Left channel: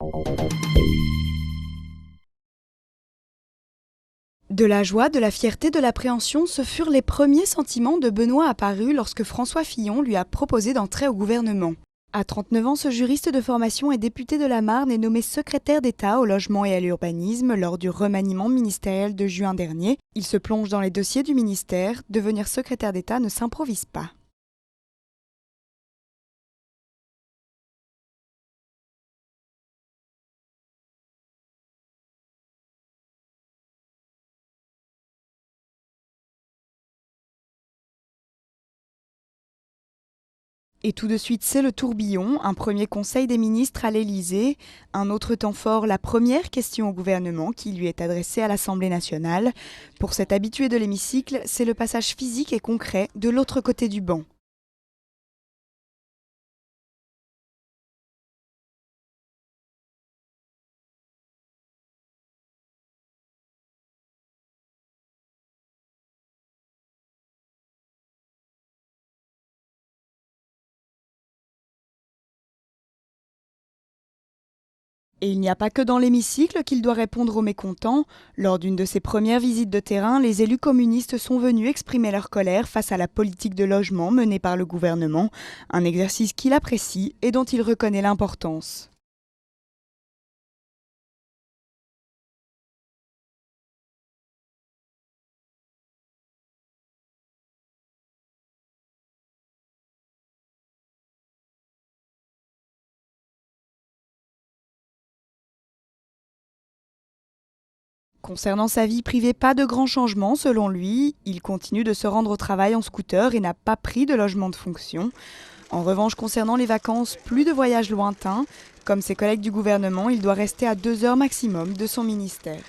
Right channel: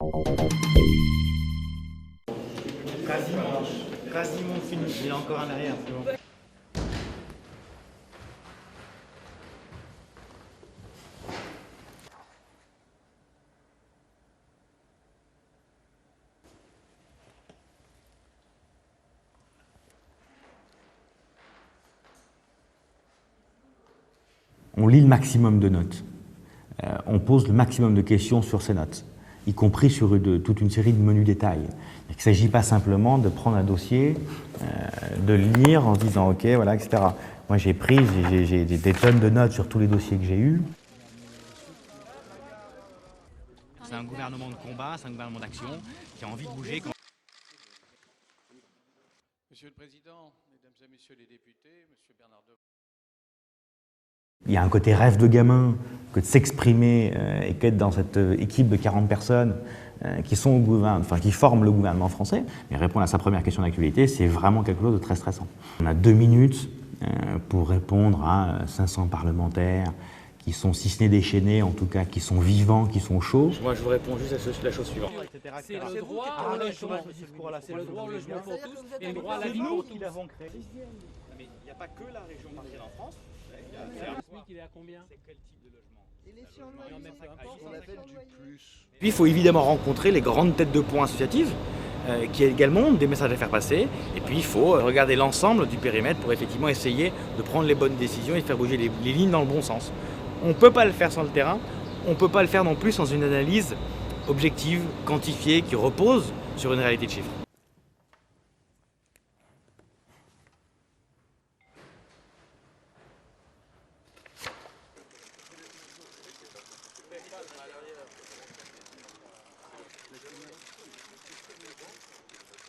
De la joie, de la fierté, de l'appréhension, ce furent les premiers sentiments de Benoît apparus lorsque François Fillon lui a proposé d'entrer au gouvernement. À 39 ans, ce juriste de formation et député de la Marne est nommé secrétaire d'État au logement et à l'urbanisme lors du remaniement ministériel de juin dernier. Il se plonge dans les dossiers du ministère. Devenir secrétaire d'État ne s'improvise pas. On lit le maximum de notes. On pose le maximum de questions sur ces notes, y compris sur toute une série de menus détails. Il ne s'agit pas simplement de prendre un dossier, de le lire en se disant « ok, voilà, etc ». Moi, j'ai des tonnes de notes sur tous les dossiers que j'ai eus. Et tout de suite, c'est le tourbillon. Un premier conseil des ministres à l'Élysée. Un autre temps fort, la première question au gouvernement qui lui est adressée à l'Assemblée nationale. Pour cet habitué de l'hémicycle, c'est le passage physique et concret de l'autre côté du banc. Il y a un côté rêve de gamin que de s'exprimer et qu'être dans cette équipe de 40 personnes qui forment le gouvernement français. Mais répondre à sa première question d'actualité, c'est vraiment quelque chose de très stressant. On a 2 minutes pour répondre à 500 parlementaires qui sont, si ce n'est déchaînés, en tout cas qui sont vivants, qui sont chauds. Moi, je vous réponds juste à la chose suivante. Et il n'y a pas que dans l'hémicycle qu'il doit répondre aux mécontents. Lors d'une de ses premières visites de terrain, les élus communistes sont venus exprimer leur colère face à la politique de logement menée par le gouvernement. Un exercice qu'il apprécie et dont il reconnaît l'importance. Il faut évidemment rencontrer les grandes têtes de pont associatives qui également ont des messages à faire passer. Et puis il faut regarder l'ensemble du périmètre pour effectivement essayer de prendre les bonnes décisions et de faire bouger les lignes dans le bon sens. On ne peut pas le faire sans le terrain, on ne peut pas le faire non plus sans une analyse objective, quantifiée, qui repose sur une réalité de chiffres. Concernant sa vie privée, pas de grands changements selon lui. Il continue de se rendre au travail en scooter et n'a pas pris de logement de fonction. En revanche, concernant les vacances, plus de voyages lointains. Comme ses collègues du gouvernement, il doit rester à 2 heures maximum de son ministère.